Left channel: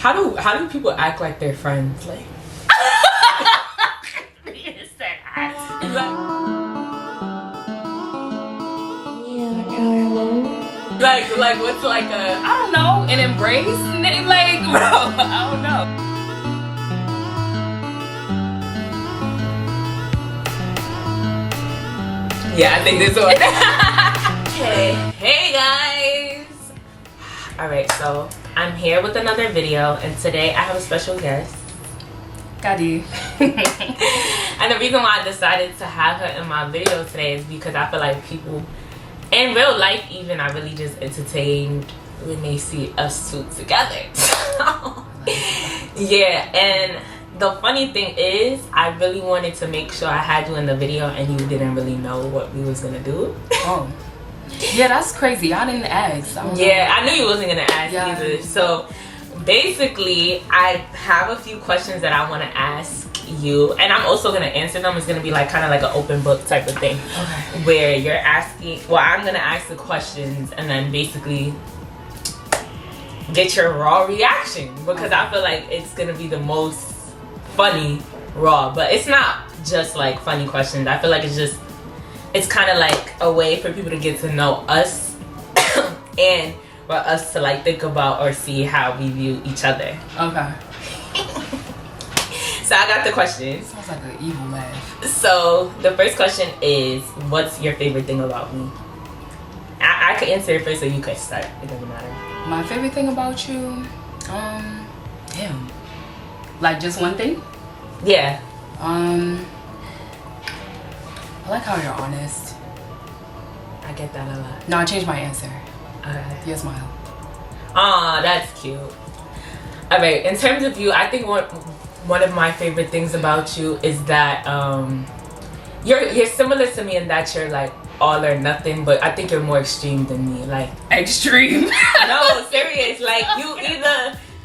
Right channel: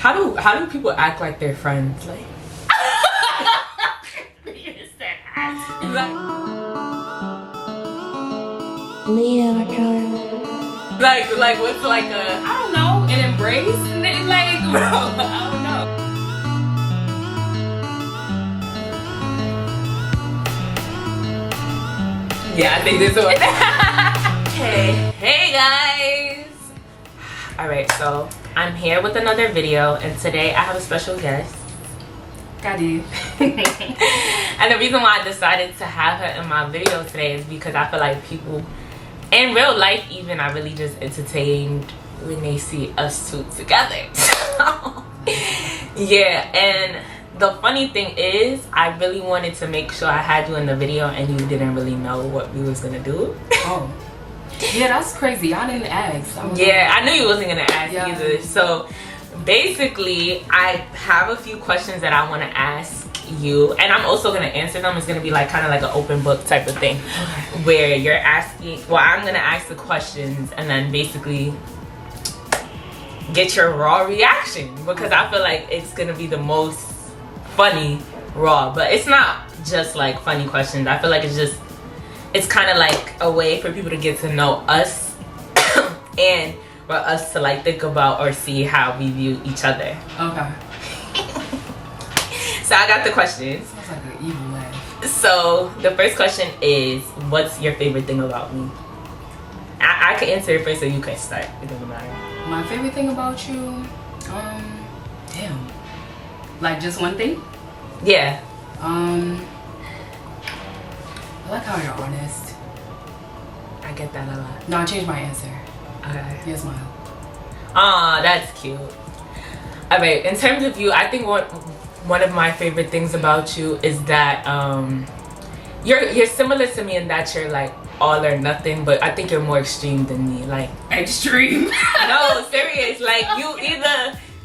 How do people act like they're friends? Like, like what's like a, I don't know, an embrace? Like, bro, I don't know. Yeah, I think this one. Hey guys. Alright, so I'm here with another video, and today I have a special guest, Kady. And the reason why I decided to have her in my video today is because I feel like people in real life even are really just entertained when they see us two together. Yeah, and the funny thing is I really wanted to make sure I had you in the video and you didn't really know what we was gonna do. Oh. Yeah, that's crazy. I didn't ask. I knew you wasn't gonna ask either. So basically I have a few questions that I want to ask you, and I'm also gonna answer them. It's gonna be like kind of like an open book type of thing, where you're asking, well, I'm gonna ask the questions and then basically get your raw reaction, because I feel like it's gonna be the most funny raw. But it's not just like funny questions. I feel like it's kind of like a way for people to get to know us and for us to like think about or see how we view each other. Okay. So I got the questions. Sounds like an evil laugh. So the first question is, what's your favorite thing about me? I can answer it first, so you can start. It doesn't matter. My favorite thing about you, damn. Like just one thing? Yeah. I like how you're honest. I get that a lot. No, I changed my answer. Okay. You smile. Aw, that's cute. Alright, in terms of you, I think one of my favorite things about you is that you're similar to me in that you're like all or nothing, but I think you're more extreme than me. Like, extreme? No, serious. Like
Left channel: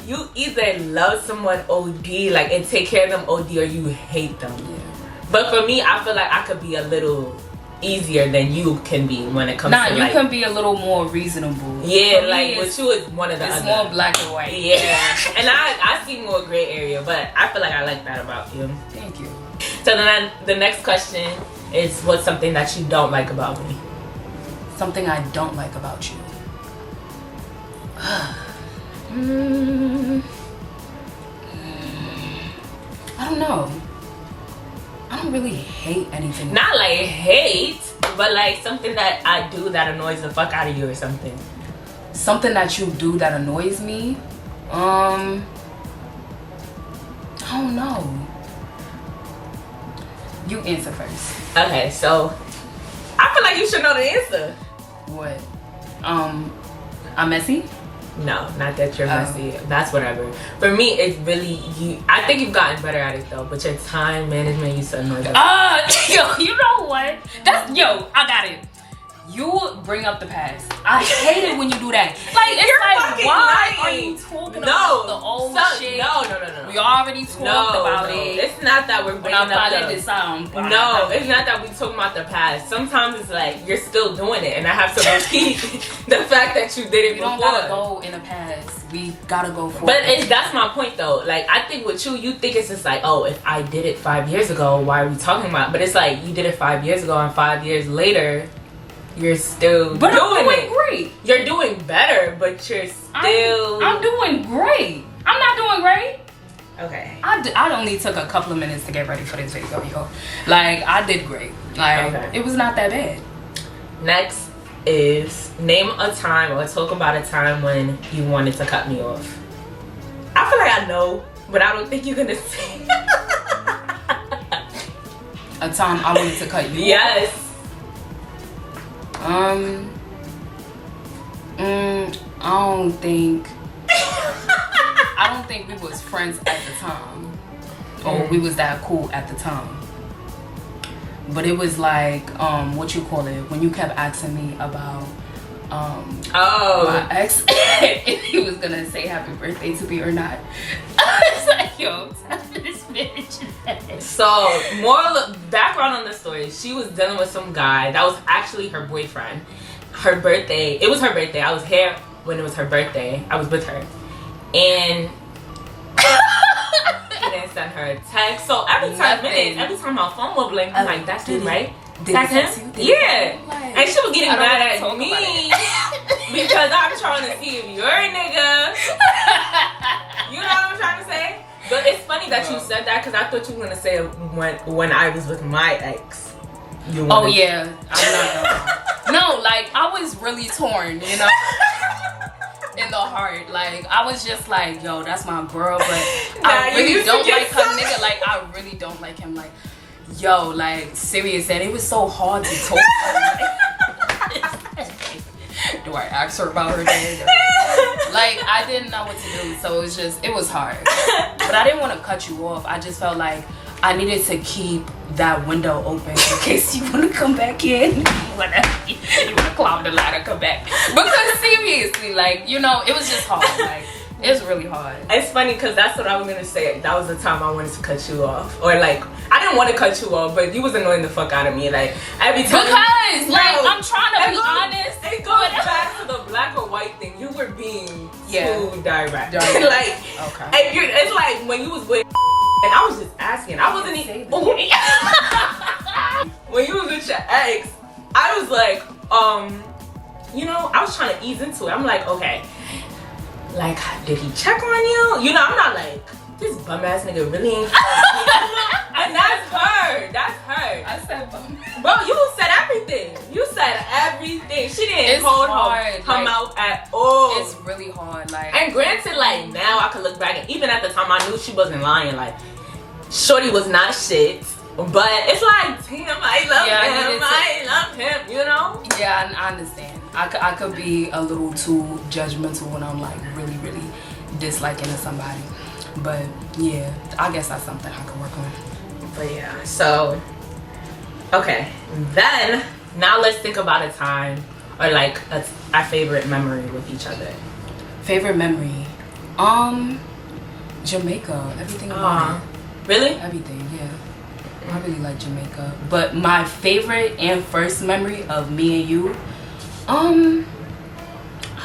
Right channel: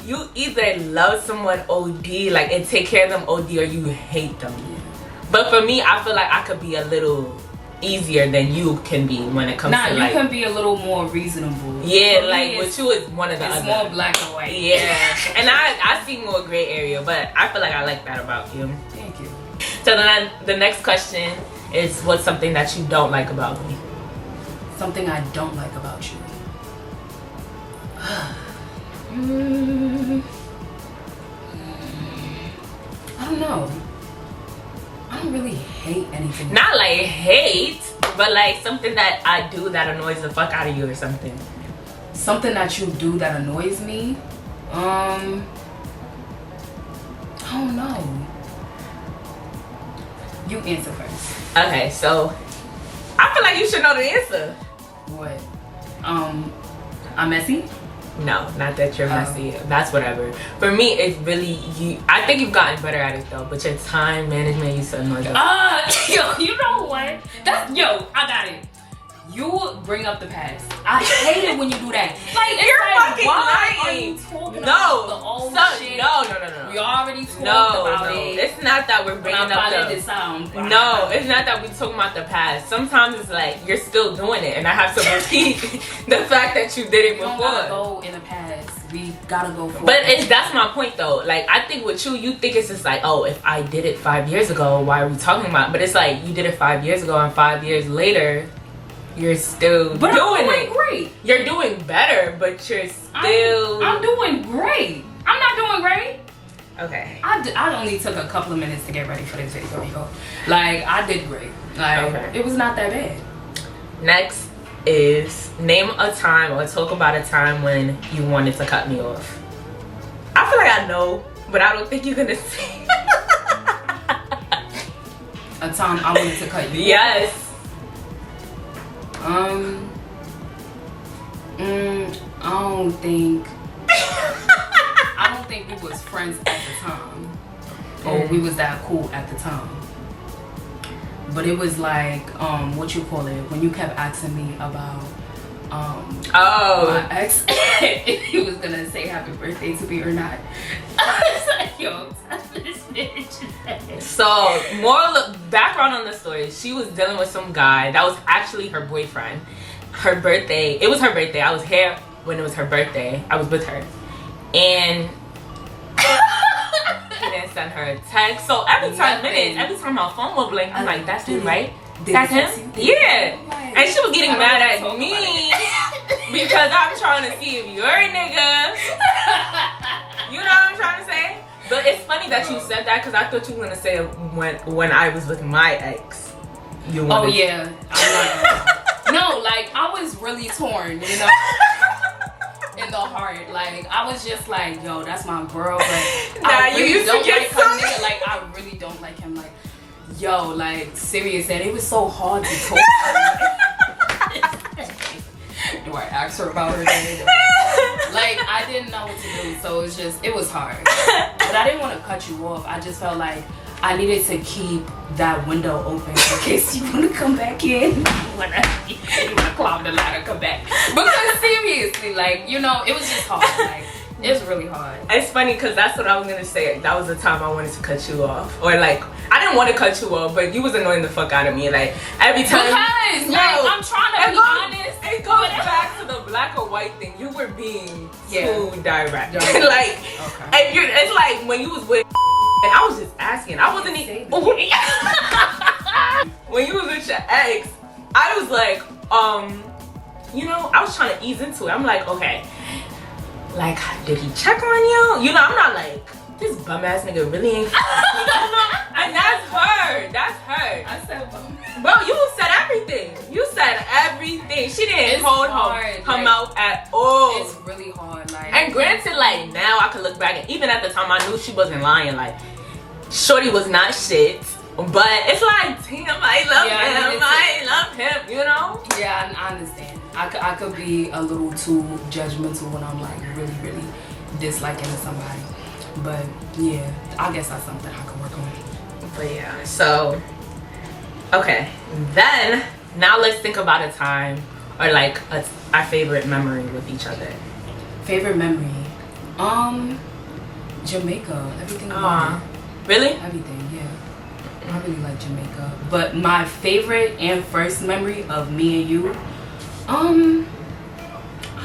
you either love someone OD, like, and take care of them OD, or you hate them. Yeah. But for me, I feel like I could be a little easier than you can be when it comes to you like, can be a little more reasonable. Yeah, like with you it's one of the it's other. more black and white. Yeah. And I see more gray area, but I feel like I like that about you. Thank you. So then the next question is, what's something that you don't like about me? Something I don't like about you. I don't know. I don't really hate anything. Not like hate, but like something that I do that annoys the fuck out of you or something. Something that you do that annoys me? I don't know. You answer first. Okay, so I feel like you should know the answer. What? I'm messy? No, not that you're messy. That's whatever. For me, it's really you. I think you've gotten better at it though, but your time management, you said no. Yo, you know what? I got it. You bring up the past. I hate it when you do that. Like, it's you're like, fucking why lying. are you talking about the old shit? No. We already talked about it. It's not that we're bringing up the... No, it's not that we're talking about the past. Sometimes it's like you're still doing it, and I have to repeat the fact that you did it before. We don't gotta go in the past. We gotta go forward. But that's my point though. Like, I think with you think it's just like, oh, if I did it 5 years ago, why are we talking about it? But it's like, you did it 5 years ago, and 5 years later, you're still doing it. Great. You're doing better, but you're still... I'm doing great. I'm not doing great. Okay. I only took a couple of minutes to get ready for this video, yo. Like, I did great. Like, It was not that bad. Next is, name a time or talk about a time when you wanted to cut me off. I feel like I know, but I don't think you're gonna say. A time I wanted to cut you off? Yes. I don't think we was friends at the time, or we was that cool at the time. But it was like, what you call it, when you kept asking me about my ex, if he was gonna say happy birthday to me or not. I was like, yo, this bitch. So, background on the story, she was dealing with some guy that was actually her boyfriend. Her birthday, it was her birthday. I was here when it was her birthday. I was with her. And send her a text. So every 10 minutes, every time my phone would blink, I'm like, that's him, right? That's him? Yeah. And she was getting mad at me because I'm trying to see if you're a nigga. You know what I'm trying to say? But it's funny that you said that because I thought you were gonna say when I was with my ex. Oh yeah, I'm not. No, like I was really torn, you know, in the heart. Like I was just like, yo, that's my girl, but I really don't like her nigga. Like I really don't like him. Like, yo, like serious, and it was so hard to talk to her. Do I ask her about her day? Like I didn't know what to do, so it was hard. But I didn't want to cut you off. I just felt like I needed to keep that window open in case you want to come back in. You want to climb the ladder, come back. Because seriously, like, you know, it was just hard. Like, it was really hard. It's funny because that's what I was going to say. That was the time I wanted to cut you off. Or like, I didn't want to cut you off, but you was annoying the fuck out of me. Like, every time. Because, like, I'm trying to be honest. It goes back to the black or white thing. You were being too direct. Like, okay. It's like when you was with and I was just asking. I wasn't even. When you was with your ex, I was like, you know, I was trying to ease into it. I'm like, okay, like, did he check on you? You know, I'm not like, this bum ass nigga really ain't. And that's her. That's her. I said bum. Bro, you said everything. You said everything. She didn't hold her mouth at all. It's really hard. Like, and granted, like now I can look back, and even at the time I knew she wasn't lying. Like, shorty was not shit. But it's like, damn, I love him, you know? Yeah, I understand. I could be a little too judgmental when I'm like really disliking to somebody. But yeah, I guess that's something I can work on. But yeah, so, okay. Then, now let's think about a time or like our favorite memory with each other. Favorite memory? Jamaica. Everything about it. Really? Everything, yeah. I really like Jamaica. But my favorite and first memory of me and you, I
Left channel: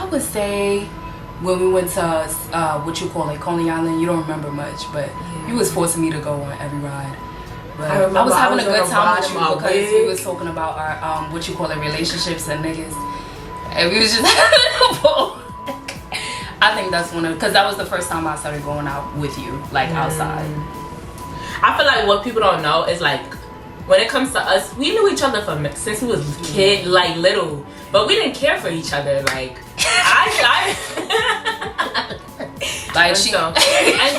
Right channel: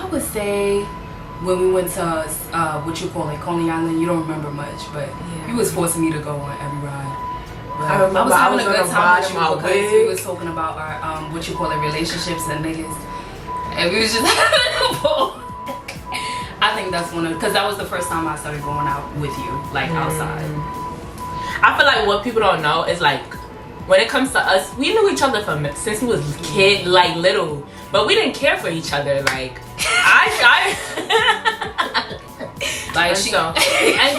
would say when we went to what you call it, Coney Island. You don't remember much, but you was forcing me to go on every ride. But I was having a good time with you because we was talking about our what you call it, relationships and niggas, and we was just I think that's because that was the first time I started going out with you, like outside. I feel like what people don't know is like, when it comes to us, we knew each other since we was kid, like little, but we didn't care for each other. Like, like and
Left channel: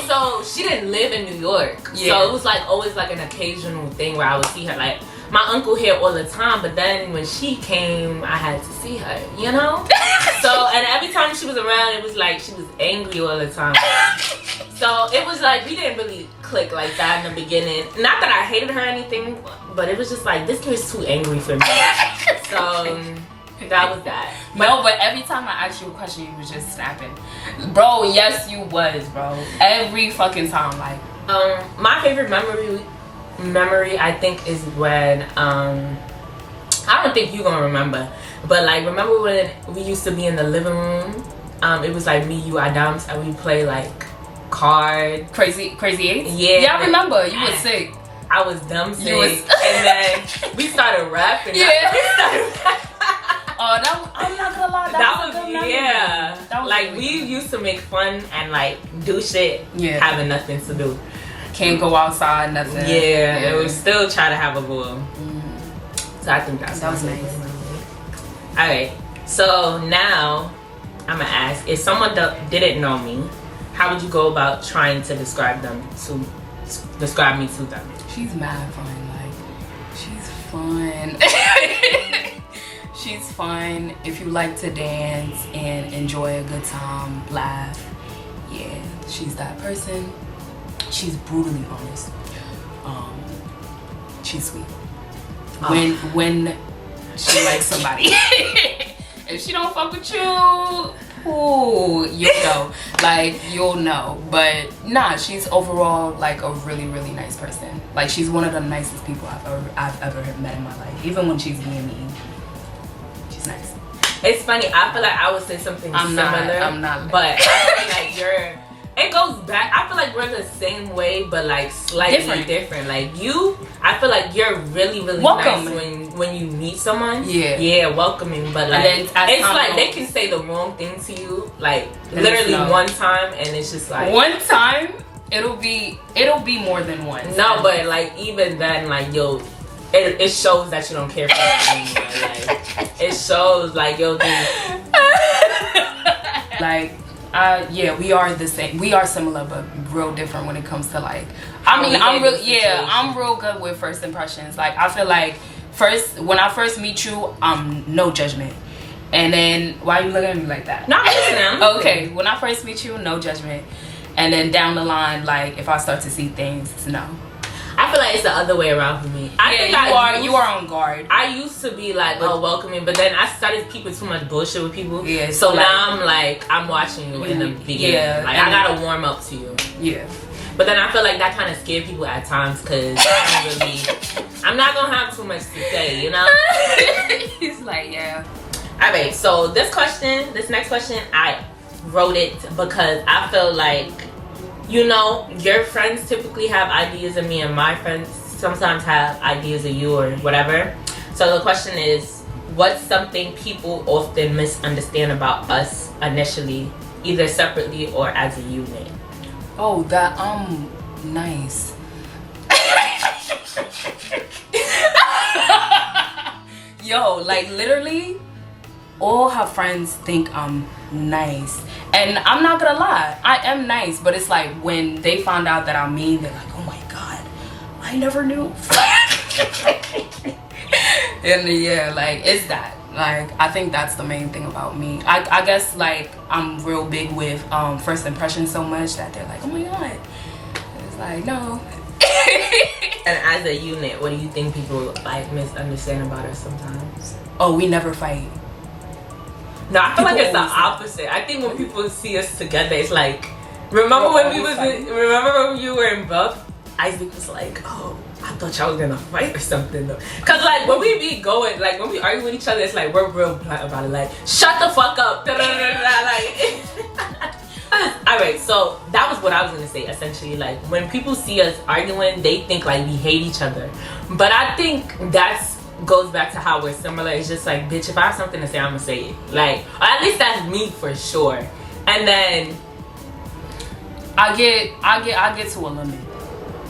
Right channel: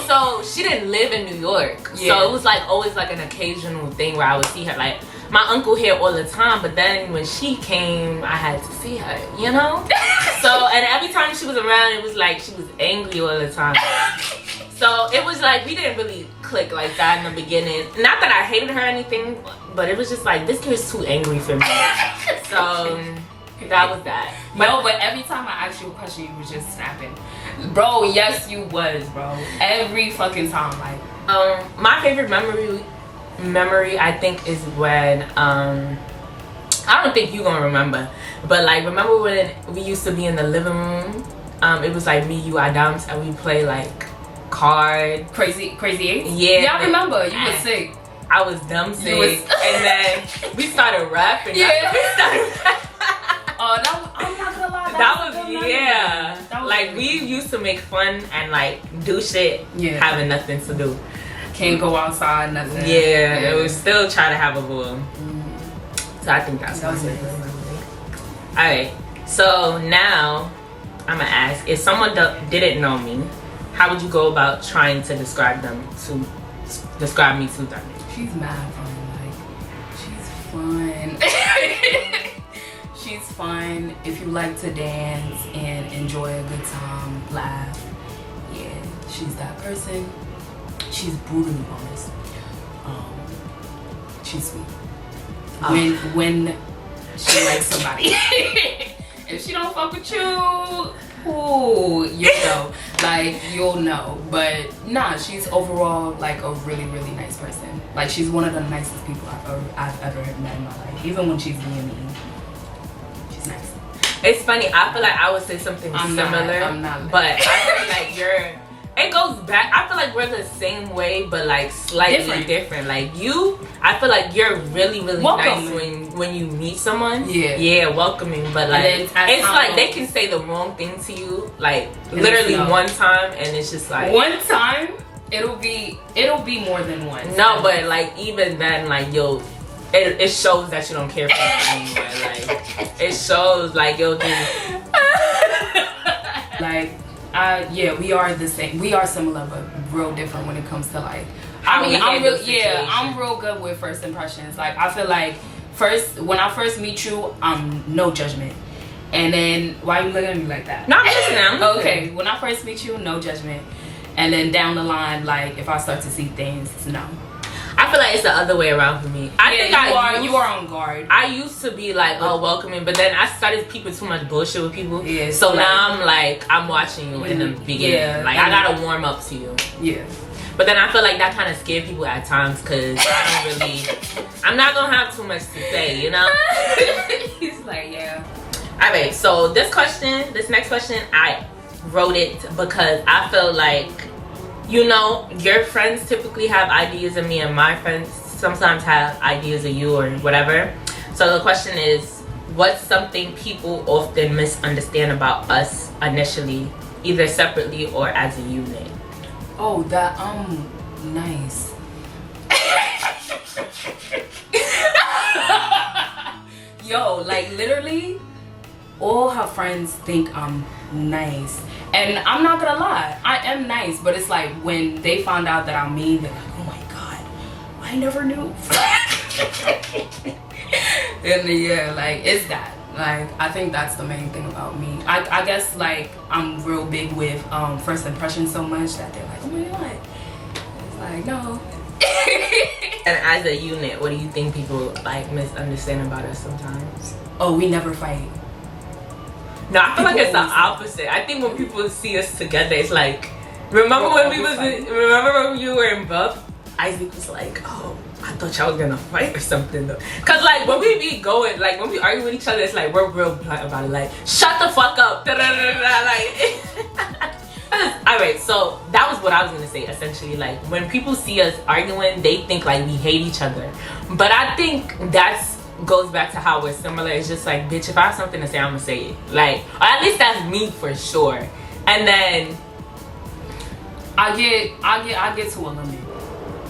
so she didn't live in New York, so it was like always like an occasional thing where I would see her. Like, my uncle here all the time, but then when she came, I had to see her, you know? So, and every time she was around, it was like she was angry all the time. So it was like we didn't really click like that in the beginning. Not that I hated her or anything, but it was just like, this kid's too angry for me. So that was that. No, but every time I asked you a question, you was just snapping. Bro, yes you was, bro. Every fucking time, like. My favorite memory I think is when I don't think you're gonna remember, but like, remember when we used to be in the living room? It was like me, you, Adams, and we play like cards. Crazy Eight? Yeah, I remember. You was sick. I was dumb sick. And then we started rapping. Oh, I'm not gonna lie. That was like really we used to make fun and like do shit having nothing to do. Can't go outside, nothing. Yeah, and we still try to have a ball. So I think that's nice. Alright, so now I'm gonna ask, if someone didn't know me, how would you go about trying to describe me to them? She's mad fun. Like, she's fun. She's fun. If you like to dance and enjoy a good time, laugh, yeah, she's that person. She's brutally honest. She's sweet. When she likes somebody. If she don't fuck with you, ooh, you'll know. Like, you'll know. But nah, she's overall like a really nice person. Like, she's one of the nicest people I've ever met in my life. Even when she's being mean, she's nice. It's funny, I feel like I would say something similar. I'm not. But I feel like it it goes back. I feel like we're the same way, but like slightly different. Like you, I feel like you're really welcoming. Nice when you meet someone. Yeah, welcoming. But like it's like they can say the wrong thing to you, like literally one time, and it's just like one time. It'll be more than one. No, but like even then, like it shows that you don't care for me anymore. Like it shows like you'll do. Like yeah, we are the same. We are similar, but real different when it comes to like. I'm real good with first impressions. Like I feel like when I first meet you, no judgment. And then why are you looking at me like that? Not listening. Okay, when I first meet you, no judgment. And then down the line, like if I start to see things, no. I feel like it's the other way around for me. I think you are on guard. I used to be like, welcoming, but then I started peeping too much bullshit with people. Yeah. So now I'm watching you in the beginning. Yeah. Like I gotta warm up to you. Yeah. But then I feel like that kind of scared people at times because I'm not gonna have too much to say, you know? He's like, yeah. Alright, so this next question, I wrote it because I feel like, you know, your friends typically have ideas of me and my friends sometimes have ideas of you or whatever. So the question is, what's something people often misunderstand about us initially, either separately or as a unit? Oh, that nice. Yo, like literally all her friends think I'm nice. And I'm not gonna lie, I am nice, but it's like when they find out that I'm mean, they're like, oh my god, I never knew. And yeah, like it's that. Like I think that's the main thing about me. I guess like I'm real big with first impressions so much that they're like, oh my god. It's like no. And as a unit, what do you think people like misunderstand about us sometimes? Oh, we never fight. No, I feel like it's the opposite. I think when people see us together, it's like, remember when you were in Buff? Isaac was like, oh, I thought y'all was gonna fight or something though. Cause like when we be going, like when we argue with each other, it's like we're real blunt about it. Like, shut the fuck up. Like, alright, so that was what I was gonna say essentially. Like when people see us arguing, they think like we hate each other. But I think goes back to how we're similar. It's just like, bitch, if I have something to say, I'm gonna say it. Like, or at least that's me for sure. And then I get to a limit,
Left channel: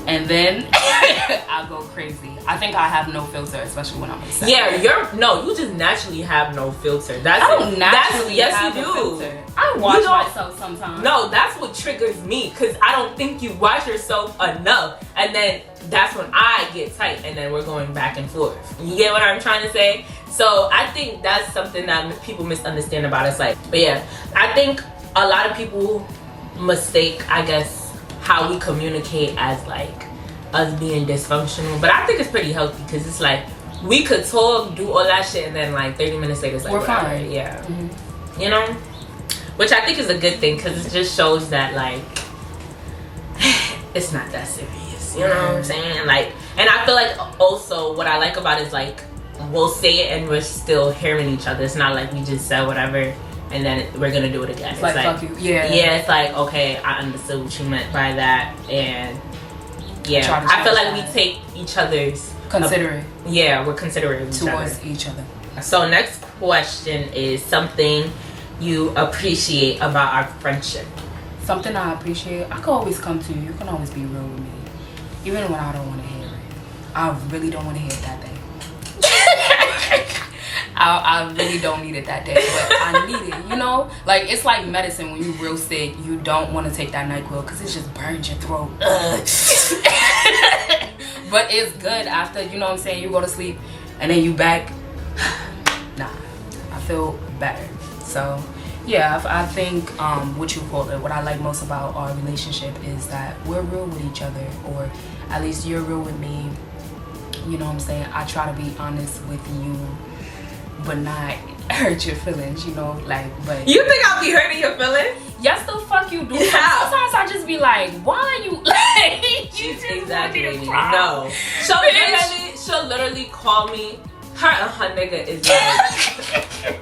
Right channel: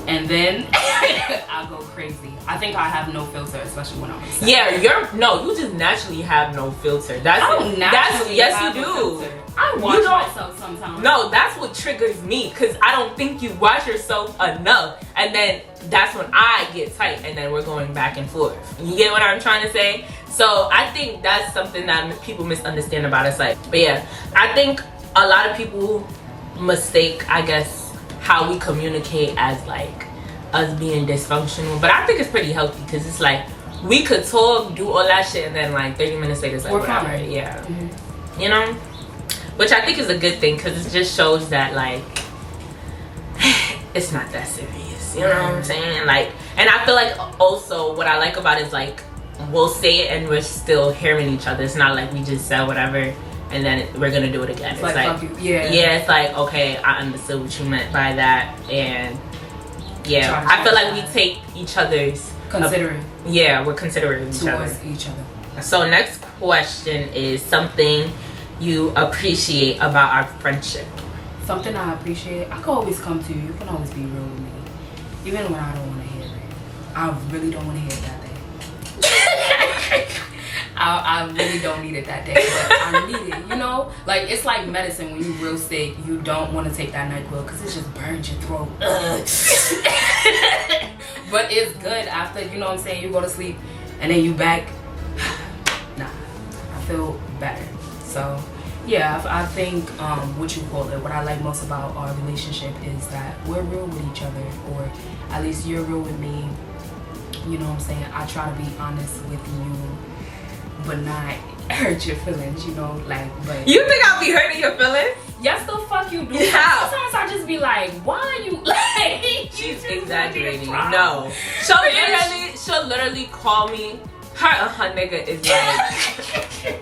and then I go crazy. I think I have no filter, especially when I'm upset. Yeah, you just naturally have no filter. Yes, you do. I watch myself sometimes. No, that's what triggers me because I don't think you watch yourself enough, and then that's when I get tight, and then we're going back and forth. You get what I'm trying to say? So I think that's something that people misunderstand about us. Like, but yeah, I think a lot of people mistake, I guess, how we communicate as like us being dysfunctional, but I think it's pretty healthy because it's like we could talk, do all that shit, and then like 30 minutes later it's like we're fine. Yeah. You know, which I think is a good thing because it just shows that like it's not that serious. You know what I'm saying? Like, and I feel like also what I like about it is like we'll say it and we're still hearing each other. It's not like we just said whatever and then we're gonna do it again. It's like fuck you. Yeah, it's like, okay, I understood what you meant by that, and yeah, I feel like we take each other's considerate. We're considerate towards each other. So next question is something you appreciate about our friendship. Something I appreciate, I can always come to you. You can always be real with me, even when I don't want to hear it. I really don't want to hear it that day. I really don't need it that day, but I need it, you know? Like, it's like medicine when you're real sick. You don't want to take that NyQuil because it just burns your throat. But it's good after, you know what I'm saying, you go to sleep and then you back. Nah, I feel better. So, yeah, I think what I like most about our relationship is that we're real with each other, or at least you're real with me. You know what I'm saying? I try to be honest with you, but not hurt your feelings, you know, like, but... You think I'll be hurting your feelings? Yes, the fuck you do. Yeah. Sometimes I just be like, why are you, like... She's exaggerating. No. She'll literally call me, her and her nigga is like...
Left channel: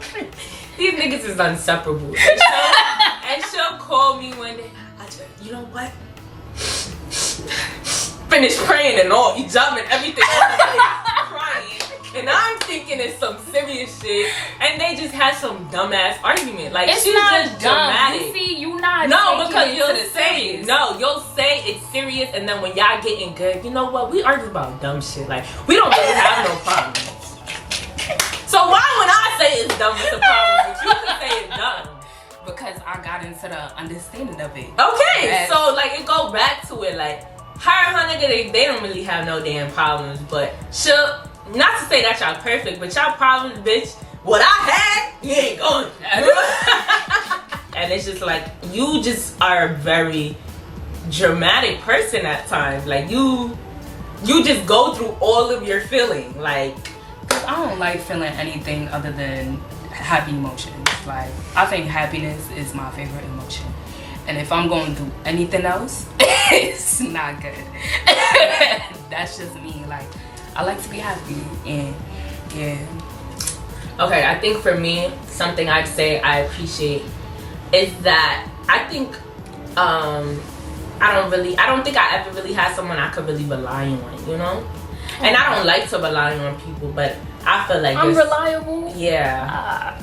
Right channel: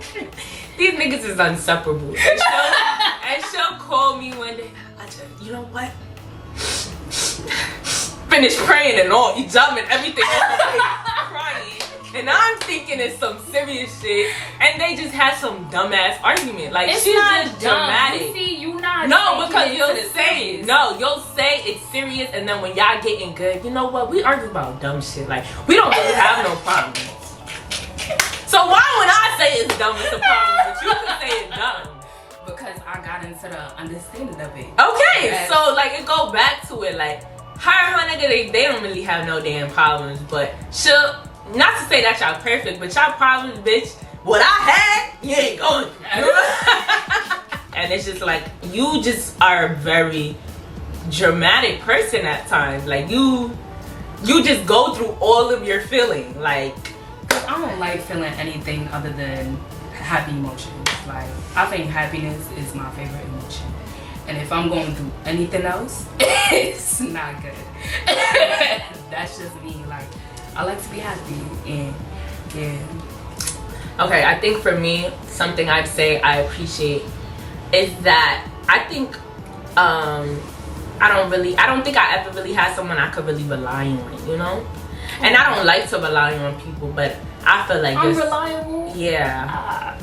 These niggas is inseparable. And she'll call me one day, I you know what? Finish praying and all, you jumping everything off the face, crying. And I'm thinking it's some serious shit, and they just had some dumbass argument. Like, It's she's not just dumb. dramatic. You see, you not. No, taking because it you'll to the say serious. no, you'll say it's serious, and then when y'all getting good, you know what? We argue about dumb shit. Like, we don't really have no problem. So why when I say it's dumb, it's a problem, but you can say it's dumb? Because I got into the understanding of it. Okay, Yes. so like it go back to it. Like, her and her nigga, they don't really have no damn problems, but she'll. Not to say that y'all perfect, but y'all problems, bitch. What I had, you ain't going. And it's just like, you just are a very dramatic person at times. Like, you just go through all of your feeling. Like, Cause I don't like feeling anything other than happy emotions. Like, I think happiness is my favorite emotion. And if I'm going through anything else, it's not good. That's just me. Like, I like to be happy, and yeah. okay, I think for me, something I'd say I appreciate is that I think I don't think I ever really had someone I could really rely on, you know? And I don't like to rely on people, but I feel like I'm reliable. Yeah.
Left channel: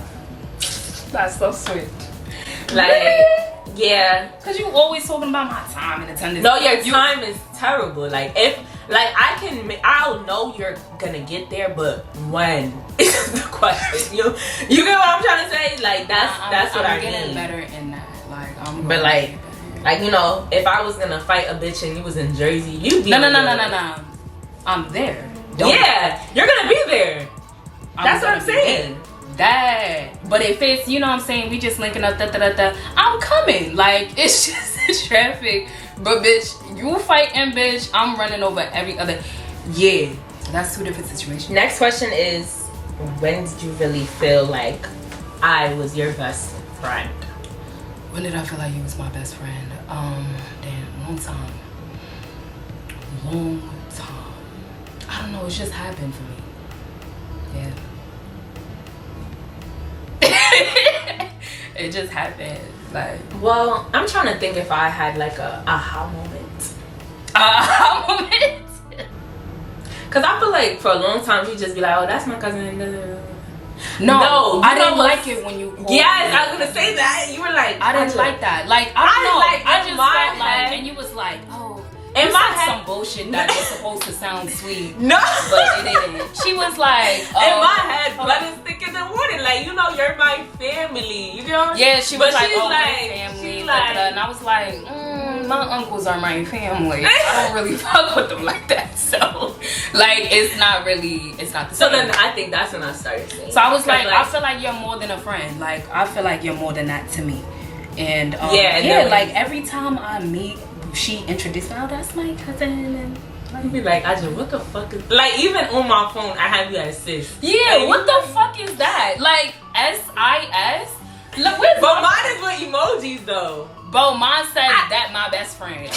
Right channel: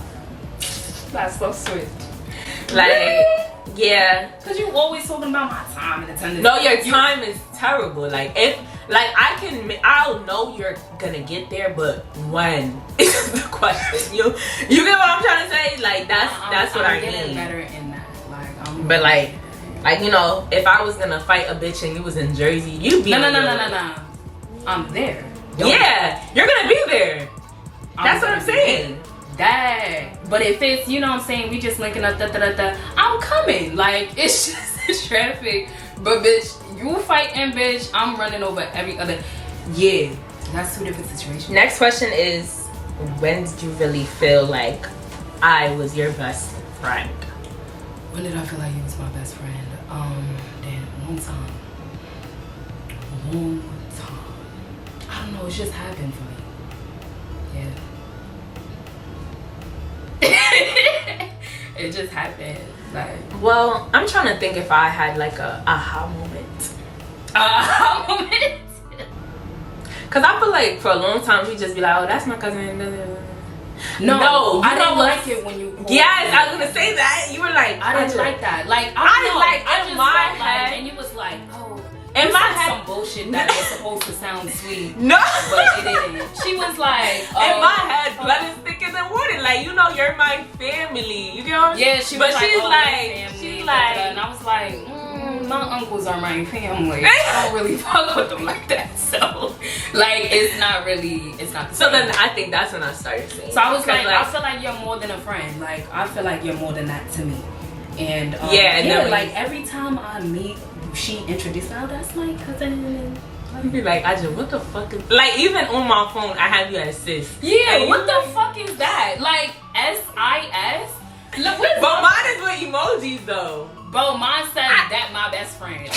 That's so sweet. Like, yeah. Cause you always talking about my time and attendance. No, your time is terrible. Like, if I'll know you're gonna get there, but when is the question. You get what I'm trying to say? Like, that's what I mean. I'm getting better in that. Like, But like, you know, if I was gonna fight a bitch and you was in Jersey, you'd be no. I'm there. Yeah, you're gonna be there. That's what I'm saying. That. But if it's, you know what I'm saying, we just linking up, I'm coming. Like, it's just traffic. But bitch, you fighting, bitch, I'm running over every other. Yeah, that's two different situations. Next question is, when did you really feel like I was your best friend? When did I feel like you was my best friend? Damn, long time. I don't know, it's just happened for me. Yeah. It just happened. Like, Well, I'm trying to think if I had like a aha moment. Cause I feel like for a long time we just be like, oh, that's my cousin. No, I didn't what's- like it when you. Yes, I was gonna say that. You were like, I didn't like that. Like, I in just my felt like, head- and you was like, oh, In you my said head- some bullshit that was supposed to sound sweet, No. but it didn't. She was like, In oh, my head, blood is thicker than water. Like, you know, you're my family. You know? Yeah, she was But like, she's oh, like, my family, she's da, da, like, da. And I was like, my uncles are my family. I don't really fuck with them like that. So, like, it's not the so same. then I think that's when I started saying. So I was like, I I feel like you're more than a friend. Like, I feel like you're more than that to me. And Yeah, and then like every time I meet, she introduced me, oh, that's my cousin. you be like, Aja, what the fuck is, like, even on my phone, I have you as sis. Yeah, And what you- the fuck is that? Like, SIS? Look, But mine is with emojis though. Bro, mine says that my best friend.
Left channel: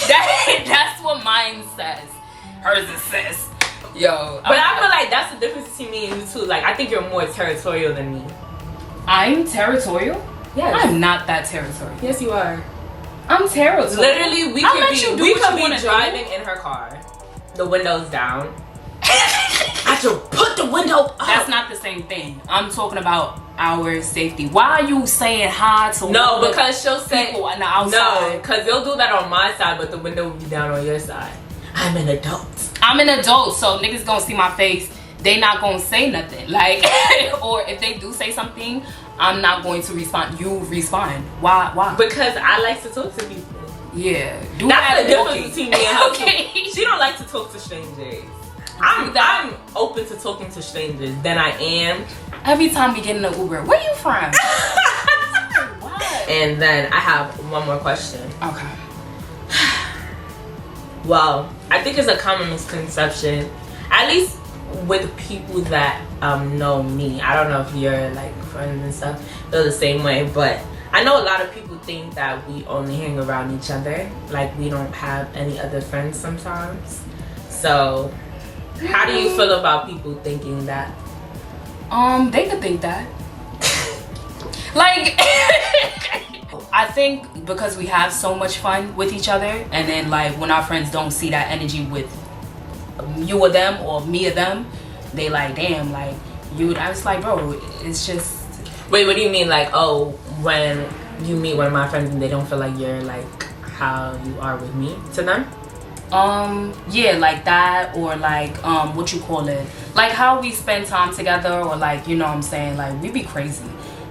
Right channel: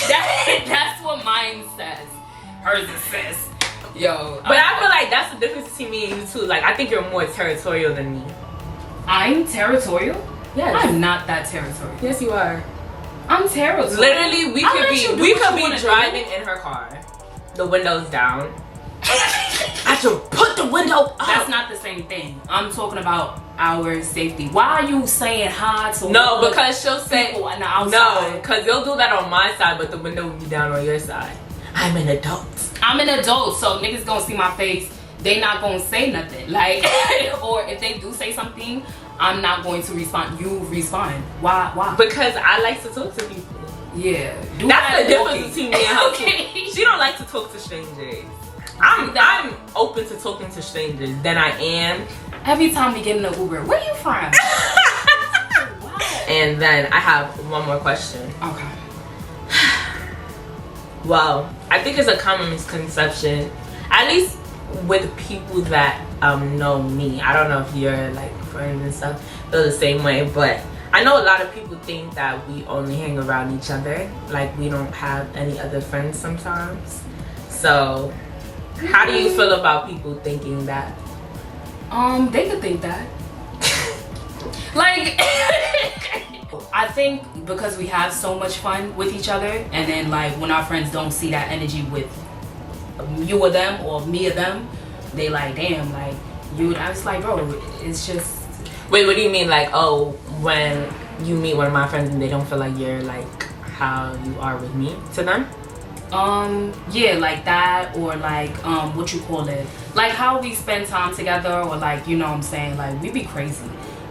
That's what mine says. Hers is sis. Yo. But I feel like that's the difference between me and you too. Like, I think you're more territorial than me. I'm territorial? Yes. I'm not that territorial. Yes, you are. I'm territorial. Literally, we I'll could let be you do we what could you be wanna do. driving in her car, the windows down. I should put the window up. That's not the same thing. I'm talking about our safety. Why are you saying hi to No, all the because she'll say people on the outside? no, because you'll do that on my side, but the window will be down on your side. I'm an adult. I'm an adult, so niggas gonna see my face. They not gonna say nothing. Like, or if they do say something, I'm not going to respond. You respond. Why? Because I like to talk to people. Yeah. Do That's that the difference walking. between me and her. Okay. She don't like to talk to strangers. I'm open to talking to strangers than I am. Every time we get in the Uber, where you from? What? And then I have one more question. Okay. Well, I think it's a common misconception, at least with people that know me. I don't know if you're like friends and stuff, feel the same way, but I know a lot of people think that we only hang around each other, like we don't have any other friends sometimes. So how do you feel about people thinking that? They could think that. Like, I think because we have so much fun with each other, and then like when our friends don't see that energy with you or them or me or them, they like, damn, like you. I was like, bro, it's just. Wait, what do you mean? Like, oh, when you meet one of my friends and they don't feel like you're like how you are with me to them? Yeah, like that, or like what you call it, like how we spend time together, or like, you know what I'm saying, like we be crazy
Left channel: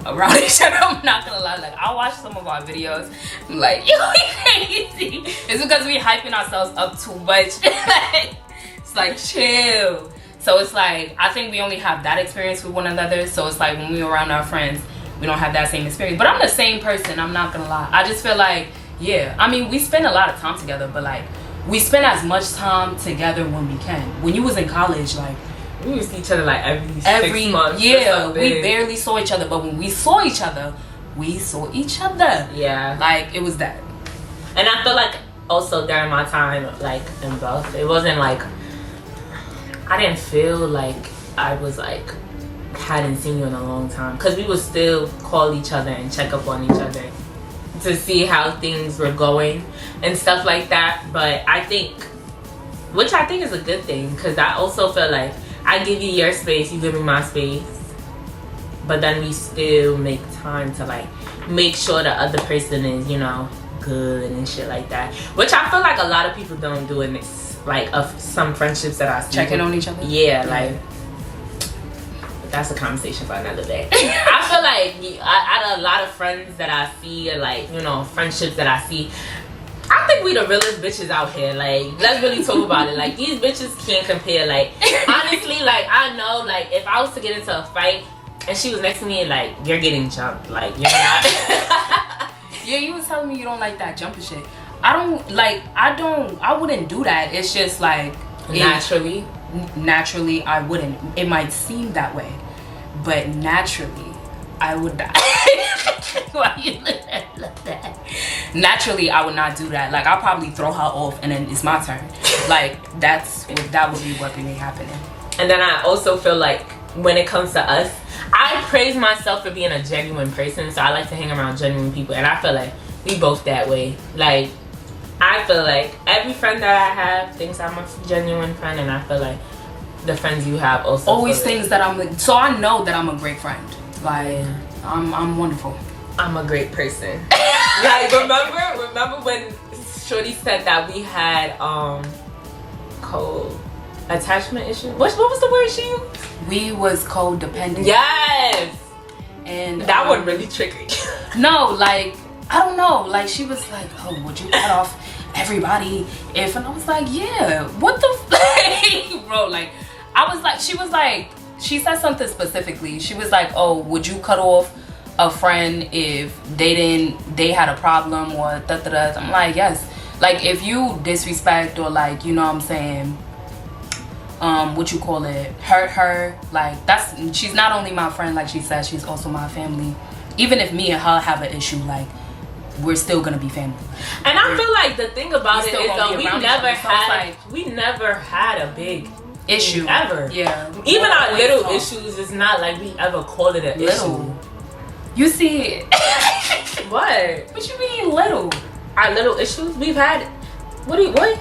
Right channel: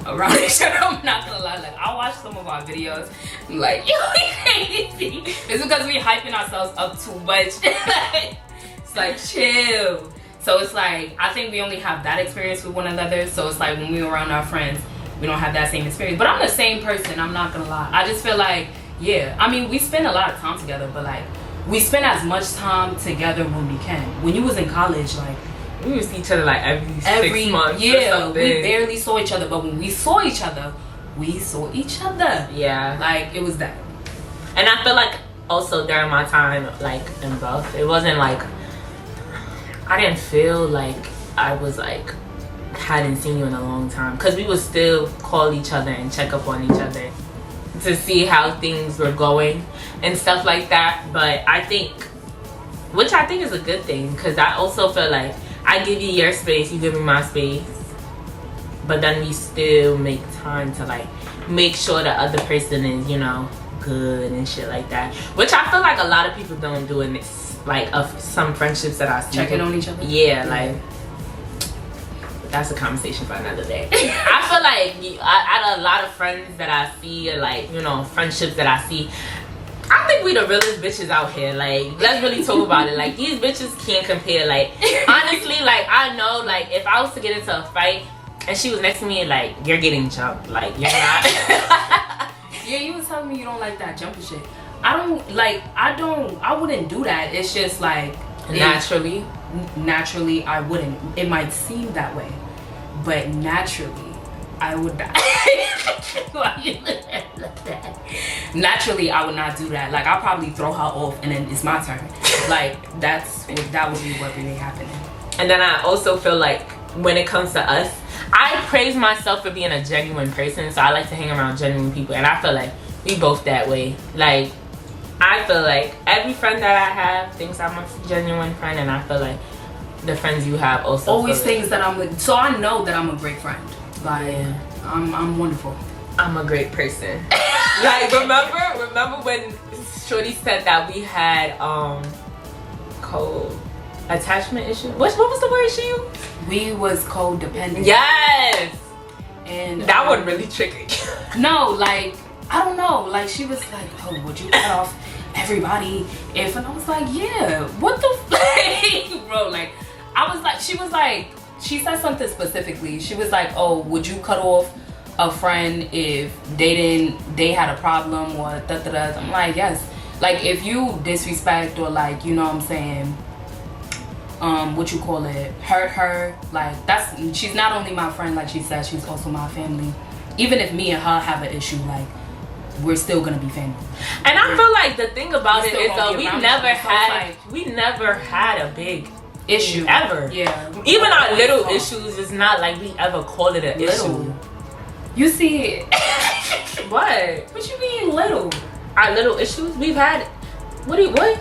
around each other. I'm not gonna lie, like I watch some of our videos, I'm like, you crazy. It's because we hyping ourselves up too much. Like, it's like chill. So it's like, I think we only have that experience with one another. So it's like when we're around our friends, we don't have that same experience. But I'm the same person, I'm not gonna lie. I just feel like, yeah, I mean, we spend a lot of time together, but like we spend as much time together when we can. When you was in college, like we used to see each other like every 6 months. Yeah, we barely saw each other, but when we saw each other, we saw each other. Yeah, like it was that. And I feel like also during my time like in Bluff, it wasn't like I didn't feel like I was like hadn't seen you in a long time, because we would still call each other and check up on each other to see how things were going and stuff like that. But I think, which I think is a good thing, because I also feel like I give you your space, you give me my space, but then we still make time to like make sure the other person is, you know, good and shit like that, which I feel like a lot of people don't do in this, like of some friendships that I see. Checking on each other? Yeah, like that's a conversation for another day. I feel like out of a lot of friends that I see, like, you know, friendships that I see, I think we the realest bitches out here. Like, let's really talk about it. Like, these bitches can't compare. Like, honestly, like, I know, like, if I was to get into a fight and she was next to me, like, you're getting jumped. Like, you're not. Yeah, you was telling me you don't like that jumping shit. I wouldn't do that. It's just like naturally I wouldn't. It might seem that way, but naturally I would not. Why you look at me like that? Naturally I would not do that. Like, I'll probably throw her off and then it's my turn. Like, that would be what would be happening. And then I also feel like when it comes to us, I praise myself for being a genuine person, so I like to hang around genuine people, and I feel like we both that way. Like, I feel like every friend that I have thinks I'm a genuine friend, and I feel like the friends you have also always thinks that I'm like, so I know that I'm a great friend. Like, yeah. I'm wonderful. I'm a great person. Like, remember when Shorty said that we had co-attachment issues? What was the word she used? We was codependent. Yes. And that one really triggered you. No, like, I don't know. Like, she was like, oh, would you cut off everybody if? And I was like, yeah. What the fuck, bro? Like, I was like, she was like, she said something specifically. She was like, oh, would you cut off a friend if they had a problem or da-da-da? I'm like, yes. Like, if you disrespect or, like, you know what I'm saying, what you call it, hurt her, like, she's not only my friend, like she said, she's also my family. Even if me and her have an issue, like, we're still gonna be family. And I feel like the thing about it is though, we never had a big issue ever. Yeah. Even our little issues, it's not like we ever called it an issue. You see, what? What you mean little? Our little issues we've had. What?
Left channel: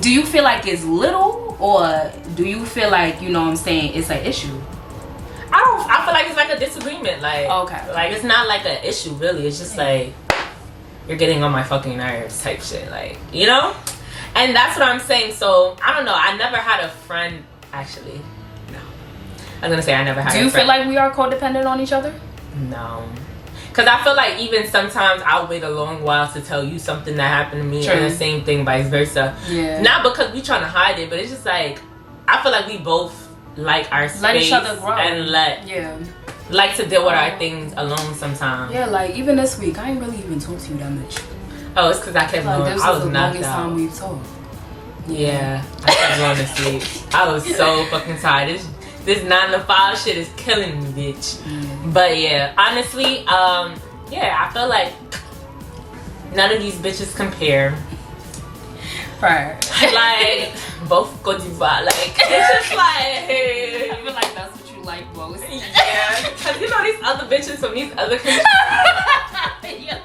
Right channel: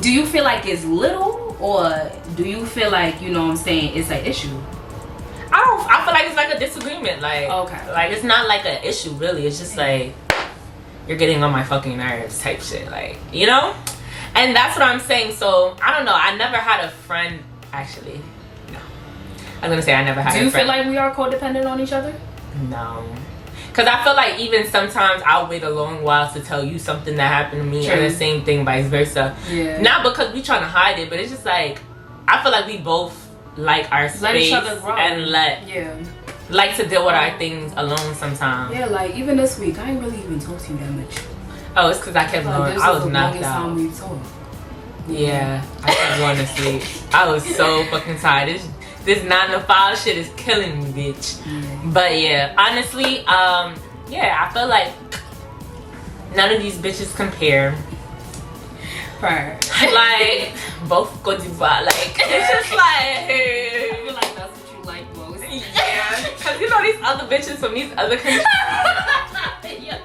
Do you feel like it's little, or do you feel like, you know what I'm saying, it's an issue? I feel like it's like a disagreement. Like, okay, like it's not like an issue really. It's just like you're getting on my fucking nerves type shit. Like, you know. And that's what I'm saying. So I don't know. I never had a friend. Actually, no. I was gonna say I never had. Do you feel like we are codependent on each other? No. Because I feel like even sometimes I'll wait a long while to tell you something that happened to me. True. And the same thing vice versa. Yeah. Not because we trying to hide it, but it's just like, I feel like we both like our space. Let each other grow. And like to deal with our things alone sometimes. Yeah, like even this week, I ain't really even talked to you that much. Oh, it's because I kept going. I was knocked out. Time we've talked. Yeah, I kept going to sleep. I was so fucking tired. This 9 to 5 shit is killing me, bitch. Mm. But yeah, honestly, yeah, I feel like none of these bitches compare. Right. Like, both go to bar. Like, it's just like, I feel like that's what you like most. Yeah, because you know these other bitches from these other countries. You're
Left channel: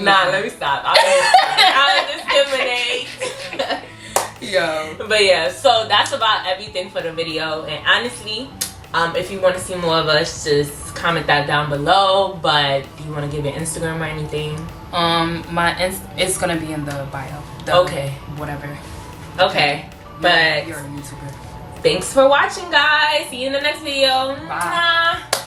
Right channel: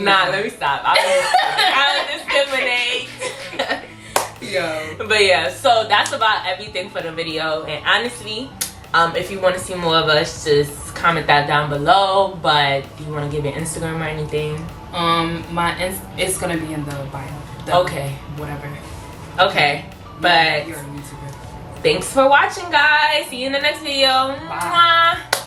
Nah, let me stop. I'll discriminate. Yo. But yeah, so that's about everything for the video. And honestly, if you want to see more of us, just comment that down below. But do you want to give your Instagram or anything? It's gonna be in the bio. Okay. Whatever. Okay. But you're a YouTuber. thanks for watching, guys. See you in the next video. Bye. Mwah.